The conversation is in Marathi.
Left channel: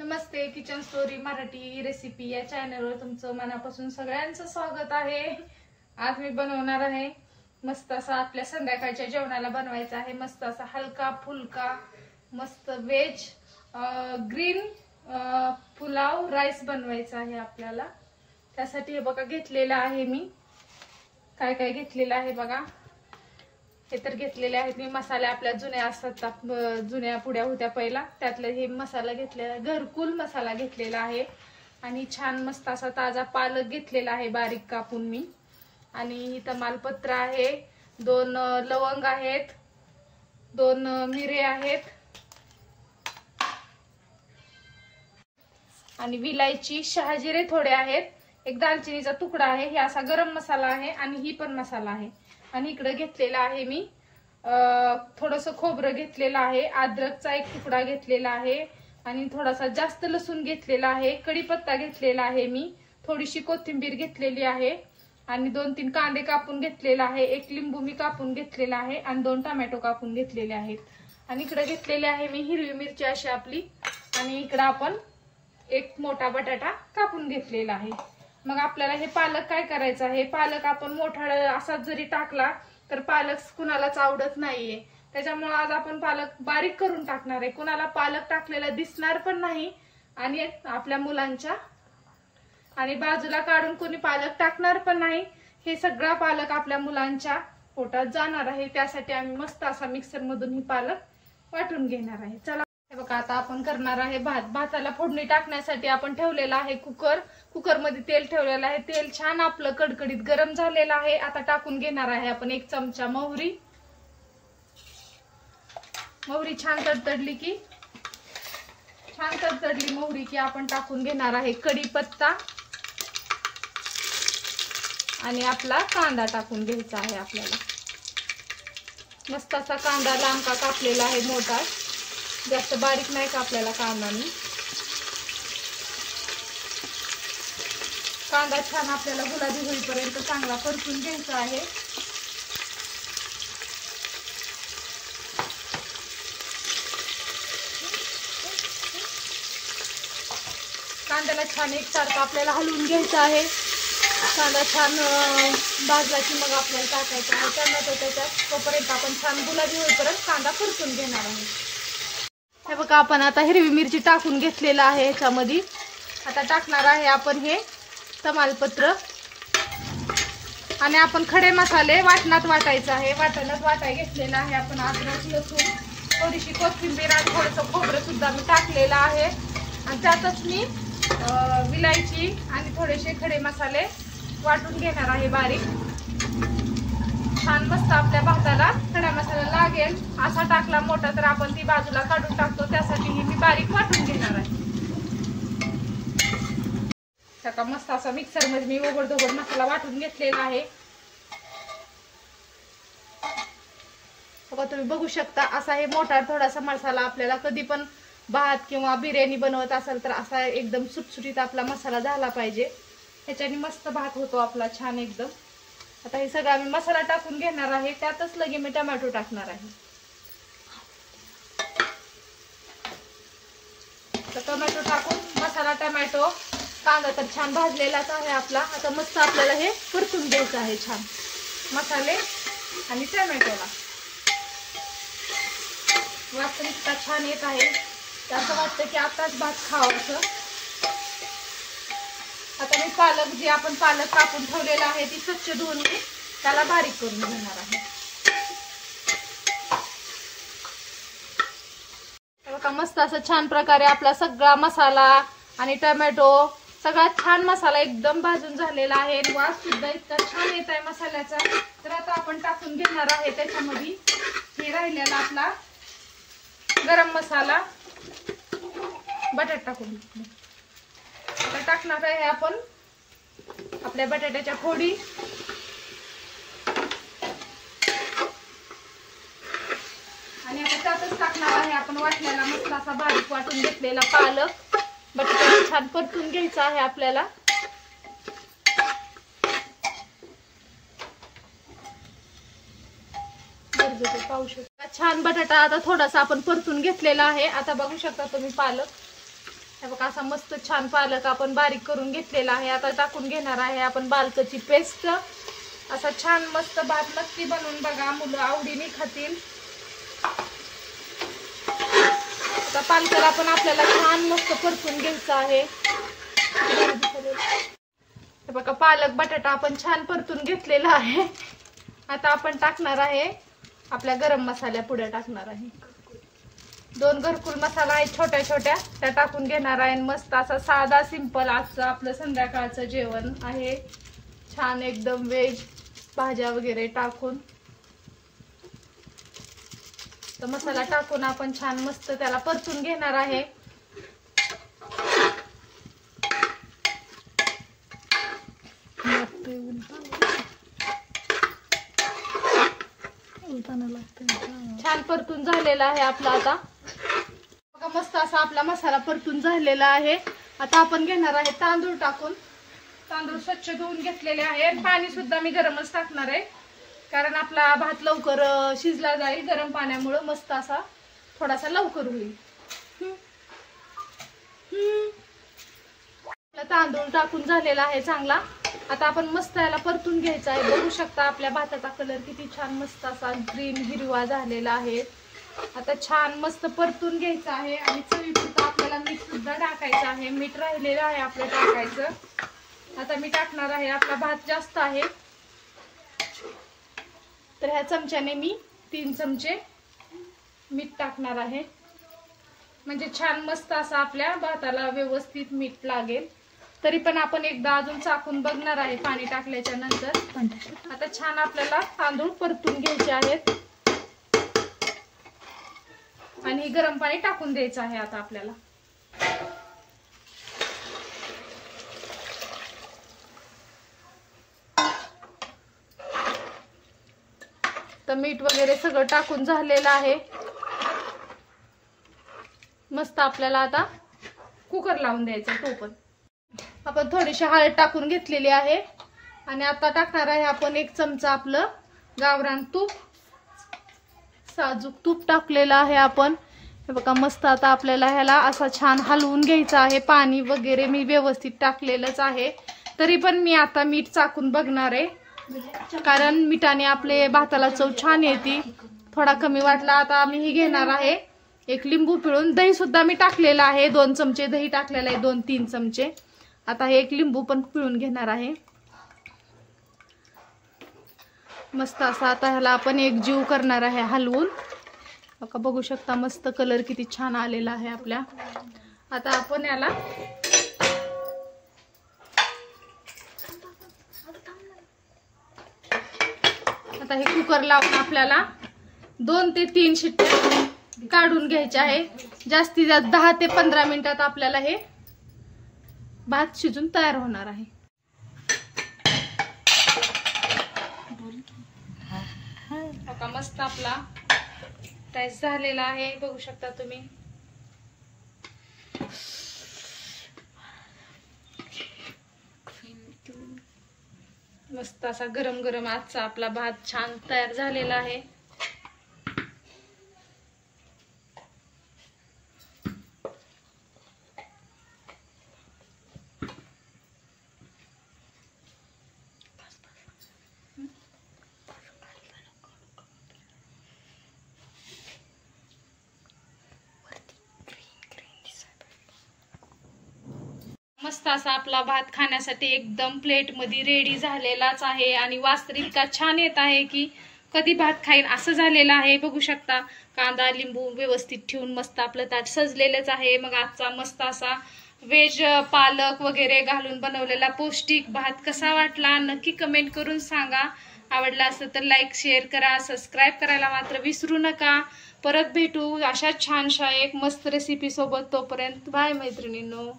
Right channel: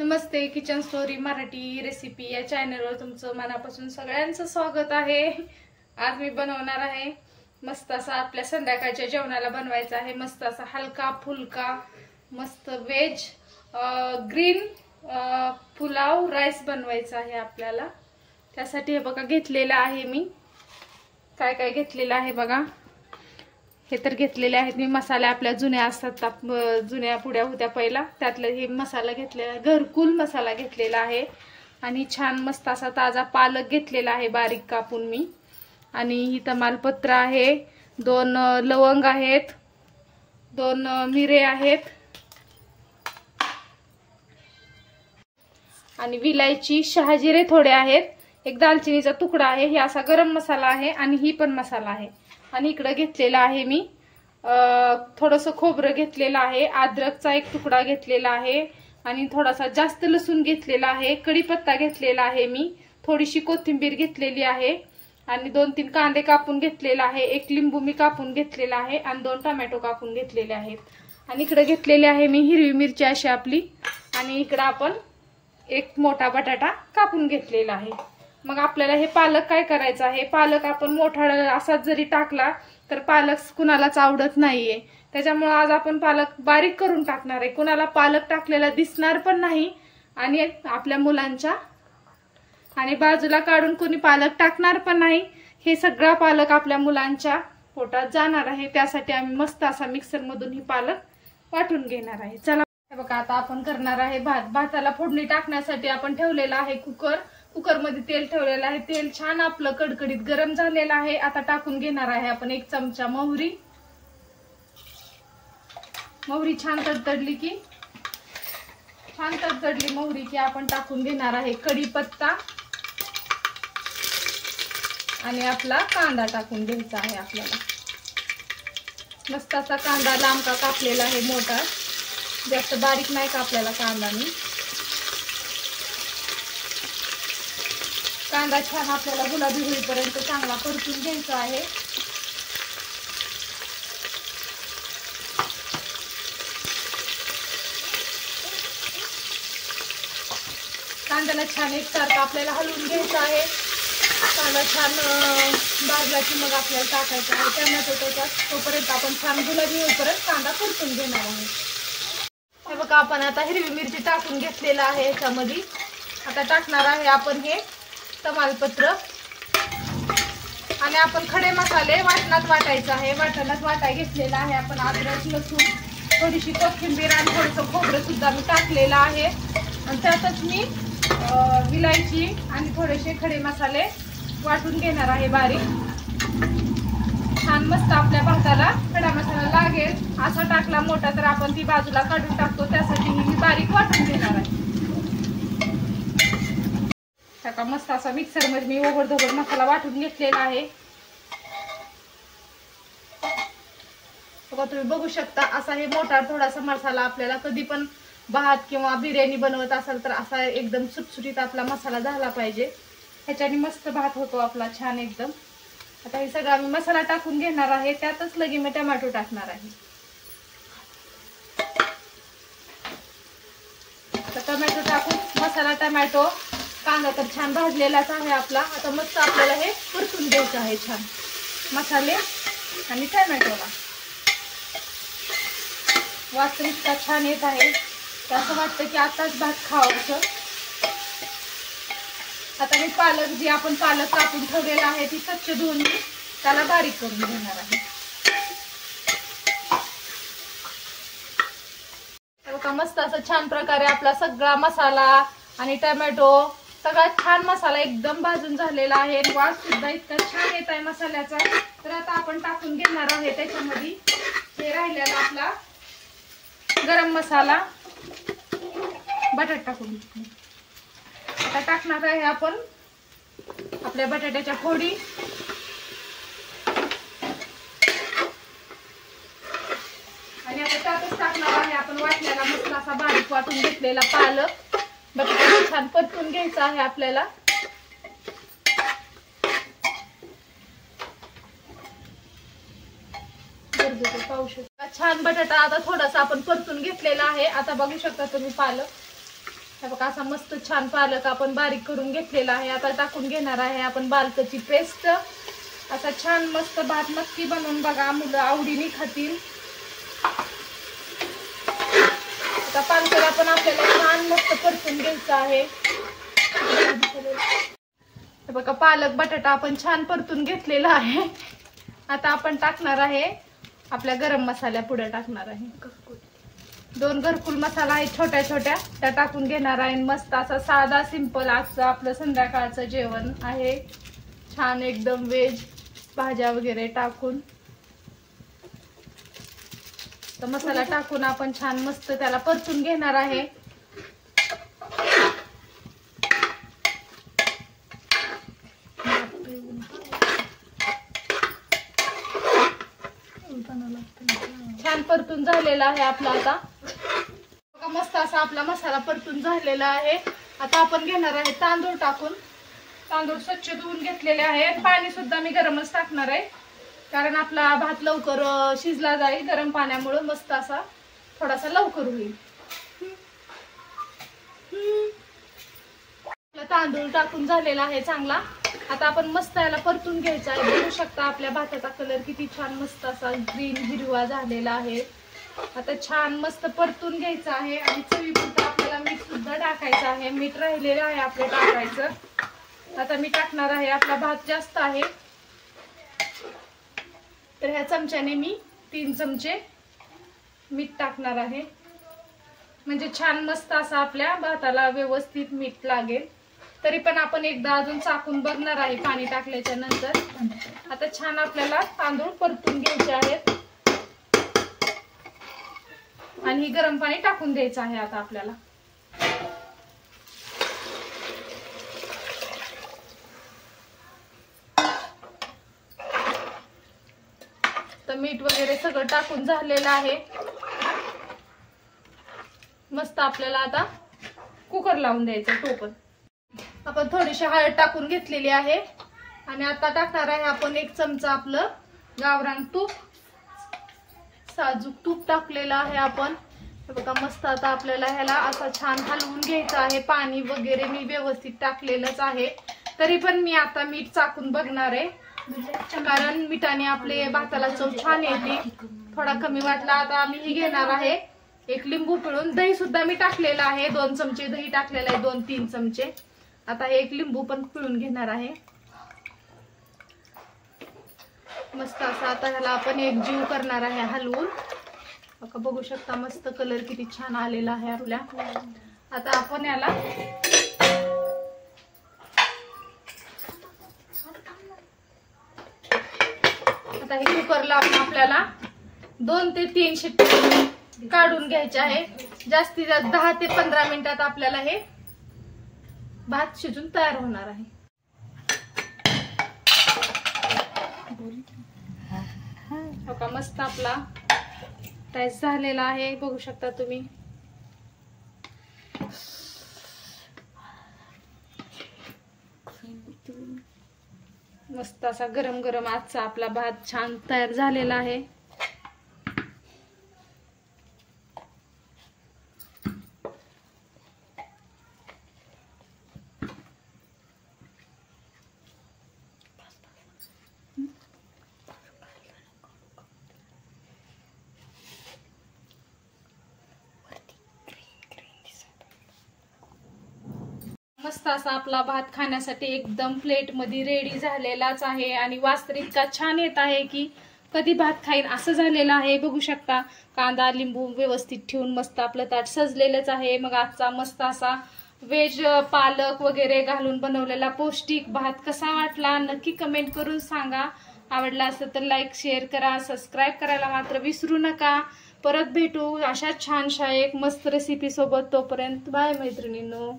नमस्ते, किचन स्टोरी मराठी रेसिपी या चॅनलवर तुमचं मनापासून सगळ्यांचं स्वागत आहे। आज मी बनवणार आहे मस्त असा आपल्या संध्याकाळच्या जेवणाला बनवायचा आहे मस्त असा हलका फुलका मस्त वेज ग्रीन पुलाव राईस बनवायचा आहे आपल्याला। त्यासाठी हे बघा घेतलेलं आहे मी काय काय घेतलेलं आहे बघा। हे तर घेतलेले आहेत मी मसाले आपल्या जुन्या असतात जुन्या पुड्या होत्या पहिला त्यातले हे मसाला घेतलेला आहे घरकुल मसाला घेतलेला आहे आणि छान मस्त असा ताजा पालक घेतलेला आहे बारीक कापून मी आणि ही तमालपत्र आहे 2 लवंग आहेत 2 मिरे आहेत आणि विलायची शहाजिरे थोडे आहेत एक दालचिनीचा तुकडा आहे हे असा गरम मसाला आहे आणि ही पण मसाला आहे आणि इकडे घेतलेला आहे मी थोडंसं खोबरं घेतलेलं आहे अद्रकचा एक तुकडा घेतलेला आहे आणि थोडासा जास्त लसूण घेतलेला आहे कढीपत्ता घेतलेला आहे मी थोडीशी कोथिंबीर घेतलेली आहे आणि 2-3 कांदे कापून घेतलेला आहे एक लिंबू मी कापून घेतलेला आहे आणि 2 टोमॅटो कापून घेतलेले आहेत आणि इकडे घेतलेले आहे मी हिरवी मिरची अशी आपली आणि इकडे आपण एक मोठा बटाटा कापून घेतलेला आहे। मग आपल्याला हे पालक काय करायचं आहे पालक आपण मोठा असाच जरी टाकला तर पालक कुणालाच आवडत नाहीये त्याच्यामुळे आज आपण पालक बारीक करून टाकणार आहे कुणाला पालक टाकलेला दिसणार पण नाही आणि आपल्या मुलांच्या आणि बाजूला काढून कोणी पालक टाकणार पण नाही हे सगळा पालक आपल्या मुलांच्या पोटात जाणार आहे त्यासाठी आम्ही मस्त असा मिक्सर मधून ही पालक वाटून घेणार आहे। चला बघा आता आपण करणार आहे भाताला फोडणी टाकण्यासाठी आपण ठेवलेला आहे कुकर मध्ये तेल ठेवलेलं आहे तेल छान आपलं कडकडीत गरम झालेलं आहे आता टाकून घेणार आहे आपण 1 चमचा मोहरी छान तडतडली मोहरी की आपण टाकून घेणार आहे कढीपत्ता आणि आपला कांदा टाकून घ्यायचा आहे आपल्याला मस्त असा कांदा लांब का कापलेला आहे मोठा जास्त बारीक नाही कापलेला कांदा मी कांदा छान आपल्याला गुलाबी होईपर्यंत चांगला परतून घ्यायचा आहे। कांद्याला छान एकसारखा आपल्याला हलवून घ्यायचा आहे कांदा छान भाजला की मग आपल्याला टाकायचा आहे टोमॅटो त्याच्यात तोपर्यंत आपण छान गुलाबी होईपर्यंत कांदा परतून घेणार आहे। हे बघा आपण आता हिरवी मिरची टाकून घेतलेला आहे याच्यामध्ये आता टाकणार आहे आपण हे तमालपत्र आणि आपण खडे मसाले वाटणात वाटायचा आहे वाटणात वाटाय घेतलेला आहे आपण अद्रक लसूण थोडीशी कोथिंबीर आणि थोडंसं खोबरं सुद्धा मी टाकलेलं आहे आणि त्यातच मी विलायची आणि थोडेसे खडे मसाले वाटून घेणार आहे बारीक छान मस्त आपल्या भाताला खडा मसाला लागेल असा टाकला मोठा तर आपण ती बाजूला काढून टाकतो त्यासाठी मी बारीक वाटून घेणार आहे। आता मस्त असा मिक्सर मध्ये मी ओबडधोबड मसाला वाटून घेतलेला आहे बघा तुम्ही बघू शकता असा हे मोठा थोडासा मसाला आपल्याला कधी पण भात किंवा बिर्याणी बनवत असेल तर असा एकदम सुटसुटीत आपला मसाला झाला पाहिजे ह्याच्याने मस्त भात होतो आपला छान एकदम। आता हे सगळं मी मसाला टाकून घेणार आहे त्यातच लगे मी टोमॅटो टाकणार आहे तर टोमॅटो टाकून मसाला टोमॅटो कांदा तर छान भाजलेलाच आहे आपला आता मस्त आपल्याला हे परतून द्यायचं आहे छान मसाले आणि टोमॅटोला वास इतका छान येत आहे असं वाटतं की आताच भात खावं असं। आता मी पालक जी आपण पालक कापून ठेवलेला आहे ती स्वच्छ धुवून मी त्याला बारीक करून घेणार आहे। आता मस्त असं छान प्रकारे आपला सगळा मसाला आणि टोमॅटो सगळा छान मसाला एकदम भाजून झालेला आहे वास सुद्धा इतका छान येत आहे मसाल्याचा तर आता आपण टाकून घेणार आहे त्याच्यामध्ये हे राहिलेला आपला गरम मसाला बटाटा टाकून आता टाकणार आहे आपण आपल्या बटाट्याच्या फोडी आणि आता त्यातच टाकणार आहे आपण वाटण्याला मसाला असा बारीक वाटून घेतलेला पालक बटाटा छान परतून घ्यायचा आहे आपल्याला पाहू शकता छान बटाटा आता थोडासा आपण परतून घेतलेला आहे आता बघू शकता तुम्ही पालक हे बघा असा मस्त छान पालक आपण बारीक करून घेतलेला आहे. आता टाकून घेणार आहे आपण पालकाची पेस्ट. असा छान मस्त भात नक्की बनवून बघा, मुलं आवडीने खातील. आता पालक आपण आपल्याला छान मस्त परतून घ्यायचं आहे. हे बघा पालक बटाटा आपण छान परतून घेतलेला आहे. आता आपण टाकणार आहे आपल्या गरम मसाल्या पुढे टाकणार आहे. 2 घरकुल मसाला आहे छोट्या छोट्या, त्या टाकून घेणार आहे. मस्त असं साधा सिंपल आजचं आपलं संध्याकाळचं जेवण आहे. छान एकदम व्हेज भाज्या वगैरे टाकून तर मसाला टाकून आपण छान मस्त त्याला परतून घेणार आहे. छान परतून झालेला आहे आपला. आता मस्त असा आपला मसाला परतून झालेला आहे. आता आपण घेणार आहे तांदूळ टाकून. तांदूळ स्वच्छ धुवून घेतलेले आहे. पाणी सुद्धा मी गरमच टाकणार आहे, कारण आपला भात लवकर शिजला जाईल. गरम पाण्यामुळे मस्त असा थोडासा लवकर होईल. तांदूळ टाकून झालेला आहे चांगला. आता आपण मस्त याला परतून घ्यायचा आहे. बघू शकता आपल्या भाताचा कलर किती छान मस्त असा ग्रीन हिरवा झालेला आहे. आता छान मस्त परतून घ्यायचं आहे आणि चवीपुरतं आपल्याला मीठ सुद्धा टाकायचं आहे. मीठ राहिलेलं आहे आपलं टाकायचं. आता मी टाकणार आहे, आपला भात जास्त आहे तर ह्या चमच्याने मी 3 चमचे मीठ टाकणार आहे, म्हणजे छान मस्त असा आपल्या भाताला व्यवस्थित मीठ लागेल. तरी पण आपण एकदा अजून चाकून बघणार आहे पाणी टाकल्याच्या नंतर. आता छान आपल्याला तांदूळ परतून घ्यायचे आहेत आणि गरम पाणी टाकून द्यायचं आहे आता आपल्याला. तर मीठ वगैरे सगळं टाकून झालेलं आहे. मस्त आपल्याला आता कुकर लावून द्यायचं. टोपण आपण थोडीशी हळद टाकून घेतलेली आहे आणि आता टाकणार आहे आपण 1 चमचा आपलं गावरान तूप. साजूक तूप टाकलेलं आहे आपण. हे बघा मस्त आता आपल्याला ह्याला असं छान हलवून घ्यायचं आहे. पाणी वगैरे मी व्यवस्थित टाकलेलंच आहे, तरी पण मी आता मीठ चाकून बघणार आहे, कारण मिठाने आपले भाताला चव छान येते. थोडा कमी वाटला आता आम्ही ही घेणार आहे 1 लिंबू पिळून. दही सुद्धा मी टाकलेलं आहे, 2 चमचे दही टाकलेलं आहे, 2-3 चमचे. आता हे 1 लिंबू पण पिळून घेणार आहे. मस्त असा आता ह्याला आपण एकजीव करणार आहे हलवून. बघू शकता मस्त कलर किती छान आलेला आहे आपल्या. आता आपण याला आता हे कुकर लावून आपल्याला 2 ते 3 शिट्ट्या काढून घ्यायच्या आहे. जास्तीत जास्त 10 ते 15 मिनिटात आपल्याला हे भात शिजून तयार होणार आहे. बघा मस्त आपला राईस झालेला आहे, बघू शकता तुम्ही. मस्त असा गरम गरम आजचा आपला भात छान तयार झालेला आहे. मस्त असा आपला भात खाण्यासाठी एकदम प्लेट मध्ये रेडी झालेलाच आहे आणि वास तर इतका छान येत आहे की कधी भात खाईन असं झालेलं आहे. बघू शकता कांदा लिंबू व्यवस्थित ठेवून मस्त आपलं ताट सजलेलंच आहे. मग आजचा मस्त असा व्हेज पालक वगैरे घालून बनवलेला पौष्टिक भात कसा वाटला नक्की कमेंट करून सांगा. आवडला असेल तर लाईक शेअर करा, सबस्क्राईब करायला मात्र विसरू नका. परत भेटू अशा छानशा एक मस्त रेसिपी सोबत. तोपर्यंत बाय मैत्रिणींनो.